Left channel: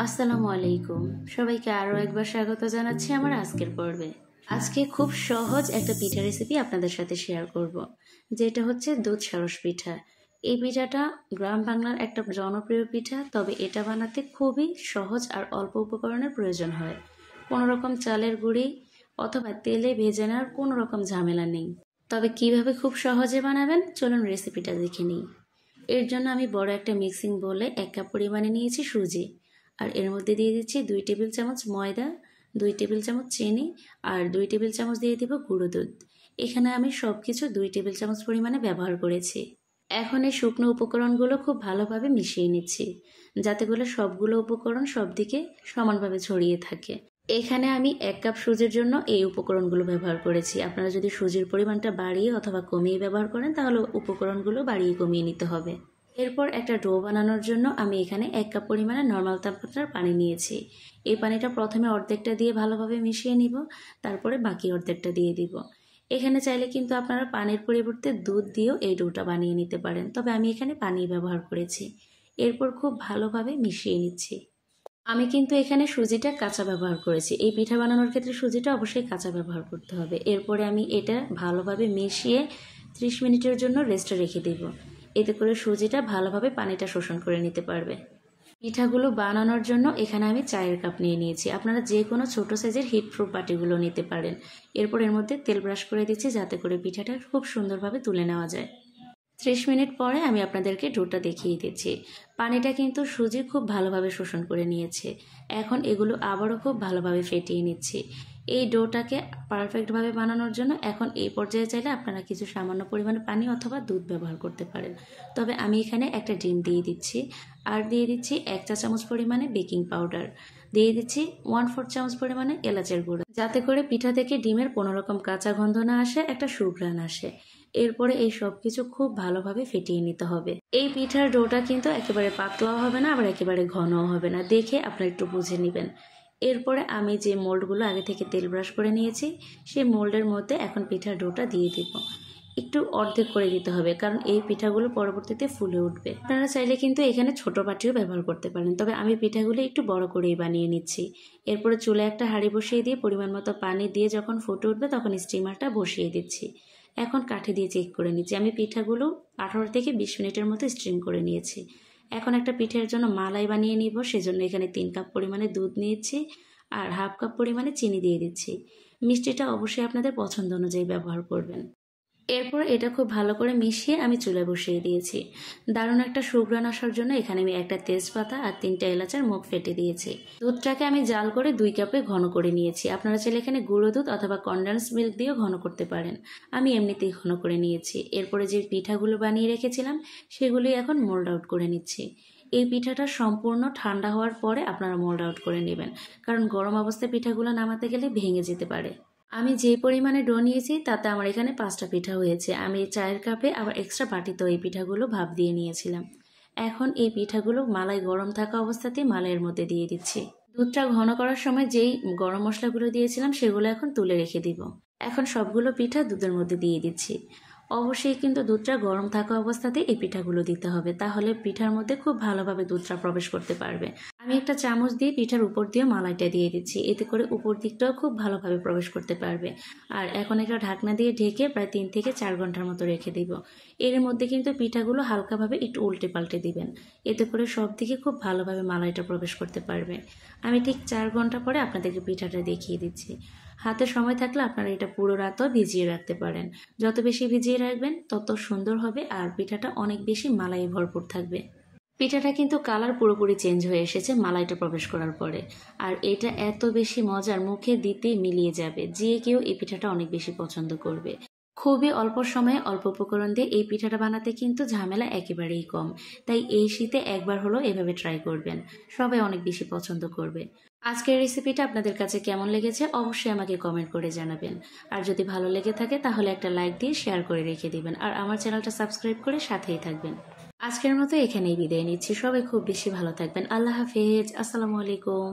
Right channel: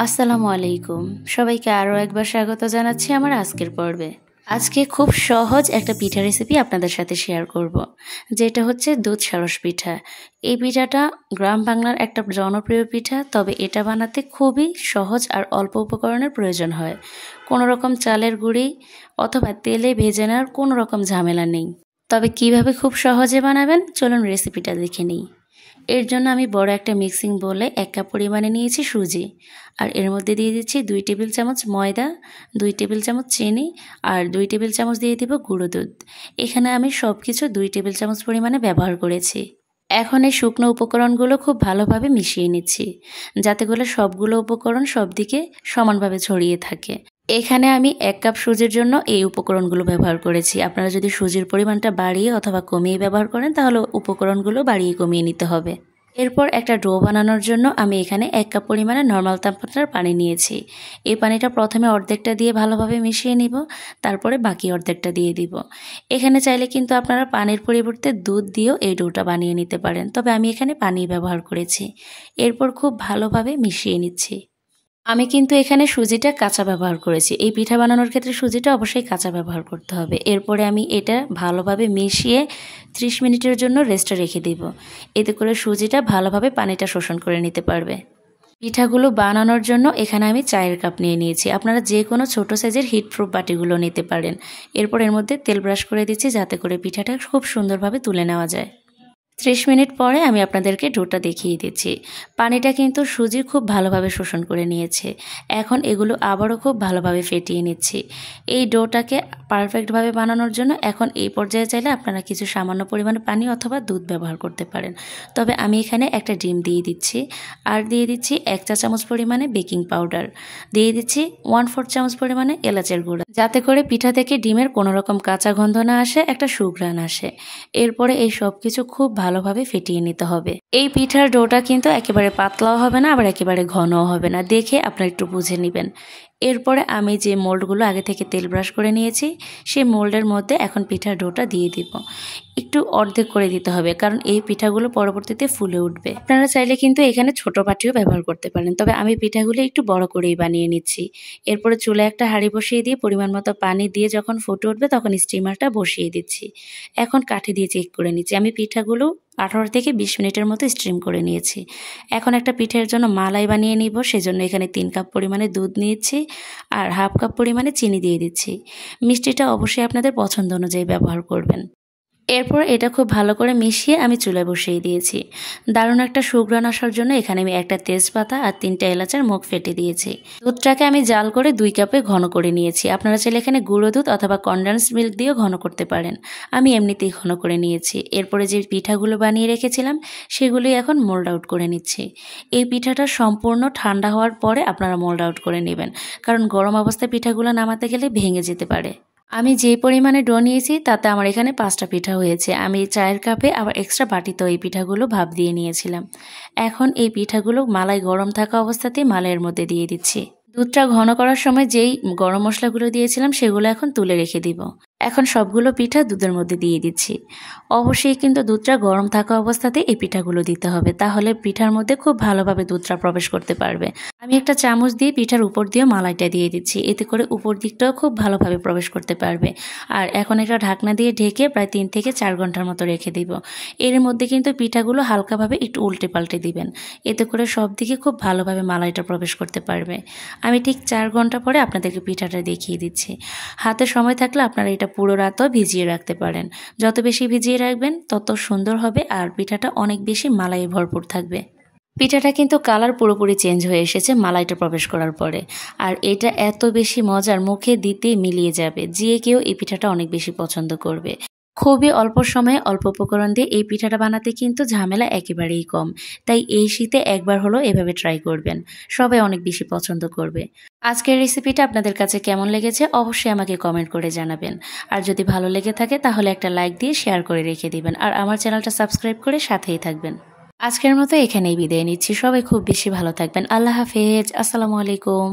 আসসালামু আলাইকুম। সবাইকে আরও একবার স্বাগত জানাচ্ছি আমার আজকের পর্বে। আজকে খুব সহজ একটা পিঠা রেসিপি আপনাদের সাথে শেয়ার করব, যেটা হচ্ছে দুধ সারস পিঠা। এই পিঠাটা গ্রাম বাংলার একটা জনপ্রিয় পিঠা, তবে এটা বানাতে খুবই সহজ আর অল্প উপকরণের প্রয়োজন হয়। কোনো রকম চালের গুঁড়ি অথবা তেলে ভেজে নেওয়ার কোনো রকম ঝামেলা নেই। তবে কিভাবে খুব সহজে বানাবেন চলুন রেসিপিটা দেখে নিই। এর জন্য আমি বড় একটা মিক্সিং বোলে 1 কাপ পরিমাণে নিয়েছি সুজি, আর এর মধ্যে দিয়ে দিচ্ছি 2 টেবিল চামচ ময়দা, 2 টেবিল চামচ চিনি আর 2 টেবিল চামচ দিয়ে দিব গুঁড়ো দুধ। এখানে আমি সব কিছু 2 টেবিল চামচ পরিমাণে ব্যবহার করেছি। এখন এই শুকনো উপকরণগুলো খুব ভালোভাবে মিশিয়ে নিচ্ছি, যাতে করে সবগুলো উপকরণ সব দিকে সমানভাবে ছড়িয়ে থাকে। এখানে আমি 1 কাপ সুজির জন্য এই উপকরণগুলো ব্যবহার করেছি। আপনারা যদি সুজির পরিমাণটা বাড়িয়ে অথবা কমিয়ে ব্যবহার করেন তাহলে উপকরণগুলো বাড়িয়ে কমিয়ে নিতে হবে। এরপর একটা ডো বানানোর জন্য আমি এখানে 1 কাপ পরিমাণে নর্মাল তাপমাত্রার পানি নিয়েছি। এই পানিটা প্রথমে অর্ধেকটা দিয়ে ভালোভাবে মিশিয়ে নিব, তারপরে বাকি অর্ধেকটা দিয়ে দিব। এখানে চাইলে কিন্তু আপনারা পানির পরিবর্তে দুধ দিয়েও এই ডোটা বানিয়ে নিতে পারেন, তবে আমি এখানে পানি ব্যবহার করেছি। এরপর খুব ভালোভাবে মিশিয়ে নিচ্ছি। আমি কিন্তু এখানে সুজিটা কাঁচা ব্যবহার করেছি। এই পিঠা বানানোর ক্ষেত্রে সুজিটা অবশ্যই কাঁচা ব্যবহার করতে হবে। এরপরে আমি এটা ভালোভাবে মিশিয়ে 30 মিনিটের জন্য রেস্টে রেখে দেব। এতে করে সুজিটা ভালোভাবে পানিটা শোষণ করে নিতে পারবে। পিঠাগুলো বানানোর জন্য এখানে আমি চায়ের কাপ নিয়ে নিয়েছি। আপনারা যে কোনো ছোটো সাইজের হিটপ্রুফ বাটিগুলো নিতে পারেন। এরপর এর মধ্যে তেল ব্রাশ করে দিচ্ছি, যাতে করে পিঠাটা খুব সুন্দরভাবে তুলে নেওয়া যায়। 30 মিনিট পরে আমি আপনাদেরকে ডোটা দেখিয়ে দিচ্ছি। পানিটা কিন্তু সুজি খুব ভালোভাবে শোষণ করে নিয়েছে। এখন এগুলো আবারও খুব ভালোভাবে ফেটিয়ে নিচ্ছি। এই ডোটাকে পারফেক্টভাবে বানানোর জন্য এখন এই পর্যায়ে চাইলে আপনারা কিছু সামান্য পরিমাণে পানি অথবা দুধ ব্যবহার করতে পারেন। তবে আমি এখানে একটা ডিম দিয়ে দিচ্ছি, আর দিয়ে দিচ্ছি 1 চা চামচ পরিমাণে বেকিং পাউডার, দিয়ে দিচ্ছি 1/4 চামচ পরিমাণে এলাচের গুঁড়া, যাতে করে পিঠা থেকে ডিমের কোনো রকম কাঁচা গন্ধ না আসে, একটা সুঘ্রাণ আসে। এরপরে এই সব কিছু খুব ভালোভাবে ফেটিয়ে নিতে হবে। এই পিঠার ডোটা কিন্তু একেবারে পাতলাও হবে না, আবার একেবারে ঘনও হবে না, দেখে আপনারা একটু বুঝে নেবেন। এরপরে আমি যে মোল্ডগুলো আগে থেকে তেল ব্রাশ করে নিয়েছি, সেই মোল্ডের মধ্যে এখন পিঠার ডোটা দিয়ে দিব। একটু অর্ধেক করে দিতে হবে, কারণ এই পিঠাগুলো পরবর্তীতে ফুলে উঠবে। আপনারা চাইলে কিন্তু এখানে ছোট বাটিও ব্যবহার করতে পারেন, তবে আমি পিঠাগুলো একটু বড় করেই বানিয়ে নিচ্ছি। এরপরে চুলায় একটা হাঁড়ি বসিয়ে দিয়ে পরিমাণ মতো পানি দিয়ে যখন ফুটে উঠবে তখন স্টিমারটা বসিয়ে দিচ্ছি। এখন কাঠি দিয়ে চেক করে নিচ্ছি। আমি পিঠাগুলো 18 থেকে 20 মিনিটের মতো স্টিম করে নিয়েছি। এখন একটা পিঠের জন্য মালাই বানিয়ে নিব, সেজন্য এখানে 3 কাপ পরিমাণে দুধ নিয়েছি আর 1/2 কাপ পরিমাণে চিনি দিয়ে দিচ্ছি। মিষ্টিটা অবশ্যই আপনাদের পছন্দ অনুযায়ী ব্যবহার করবেন। এরপর এটা খুব ভালো করে মিশিয়ে আমি চুলায় বসিয়ে দিয়েছি। দারুণ একটা সুঘ্রাণ আসার জন্য এখানে আমি একটা তেজপাতা আর 3টা এলাচের মুখ ফেটে দিয়েছি। দুধটাকে আমি জাল করে 2 কাপে ঘন করে নিয়েছি। আপনারা চাইলে এখানে গুঁড়ো দুধ অথবা কনডেন্স মিল্ক দিয়েও ঘন করতে পারেন। আমি এমনিতেই ঘন করে নিয়েছি। এরপরে যে পিঠাগুলো বানিয়ে রেখেছিলাম সেগুলোই এখন মোল্ড আউট করে নিচ্ছি। এই পিঠাটা সম্পূর্ণ ঠান্ডা হওয়ার পরে আপনারা মোল্ড আউট করে নেবেন, কারণ গরম অবস্থায় পিঠাগুলো নামাতে গেলে ভেঙে যেতে পারে। আমি যে পরিমাণে ডো নিয়েছি তাতে আমার এখানে 5টা পিঠা হয়েছে। আমি চায়ের কাপে আবার এক্সট্রা বাটিতেও এই পিঠাগুলো ভাপ দিয়ে নিয়েছিলাম। এখন এই পিঠাগুলো মালাই গরম থাকা অবস্থাতেই মালাইয়ের মধ্যে দিয়ে দিচ্ছি। দুধটা ঘন করার সময় যেই গরম মশলাগুলো দিয়েছিলাম সেগুলো এখন তুলে রেখে দিব। এখন সবগুলো পিঠা দুধের মধ্যে দিয়ে দিচ্ছি। অবশ্যই কিন্তু দুধটা গরম থাকা অবস্থাতে এই পিঠাগুলো দিতে হবে, তাহলে পিঠার মধ্যে খুব ভালোভাবে দুধটা প্রবেশ করতে পারবে। আমি একটা চামচ দিয়ে পিঠার উপর দিয়ে মালাইটা দিয়ে দিচ্ছি, এতে করে উপর দিকটাও খুব ভালোভাবে প্রবেশ করতে পারবে। আর এখন একটা ঢাকনা দিয়ে ঢেকে প্রায় 3 থেকে 4 ঘন্টার মতো রেখে দিব। এর মধ্যে কিন্তু পিঠাগুলো হালকাভাবে একটু উল্টে পাল্টে দিবেন, এতে করে সব দিকে খুব ভালোভাবে মালাইটা প্রবেশ করতে পারবে। আমি ঠিক 4 ঘন্টা পরে আপনাদেরকে পিঠাটা দেখিয়ে দিচ্ছি। হাতে সময় থাকলে আপনারা এটা পুরো রাতও ভিজিয়ে রাখতে পারেন। যত বেশি ভিজিয়ে রাখবেন তত সুন্দর হবে, আর পিঠাটা অনেক বেশি মালাই ভরপুর থাকবে। পিঠাটা কিন্তু কালার পুরোপুরি চেঞ্জ হয়ে এসেছে মালাইটা প্রবেশ করার পরে, আর এটা এত বেশি মজার, মুখে দিতেই মিলিয়ে যাবে। যে কেউ এই পিঠাটা অনেক বেশি পছন্দ করবে। খুবই অল্প সময়ে অল্প উপকরণ দিয়ে এই পিঠাটা বানাতে কিন্তু ঝামেলা একেবারেই কম। তাই এই শীতে একবার হলো এভাবে ট্রাই করবেন, সবাই অনেক বেশি পছন্দ করবে। আজকের রেসিপিটা আপনাদের কাছে কেমন লেগেছে অবশ্যই আমাকে কমেন্ট করে জানাবেন। আর যদি ভালো লেগে থাকে তাহলে একটা লাইক দিয়ে শেয়ার করে রেখে দিবেন, আর আমার চ্যানেলটা সাবস্ক্রাইব করে সাথেই থাকবেন। আজকের মতো এখানেই বিদায় নিচ্ছি। সবাই খুব বেশি ভালো থাকবেন। আল্লাহ হাফেজ। আসসালামু আলাইকুম।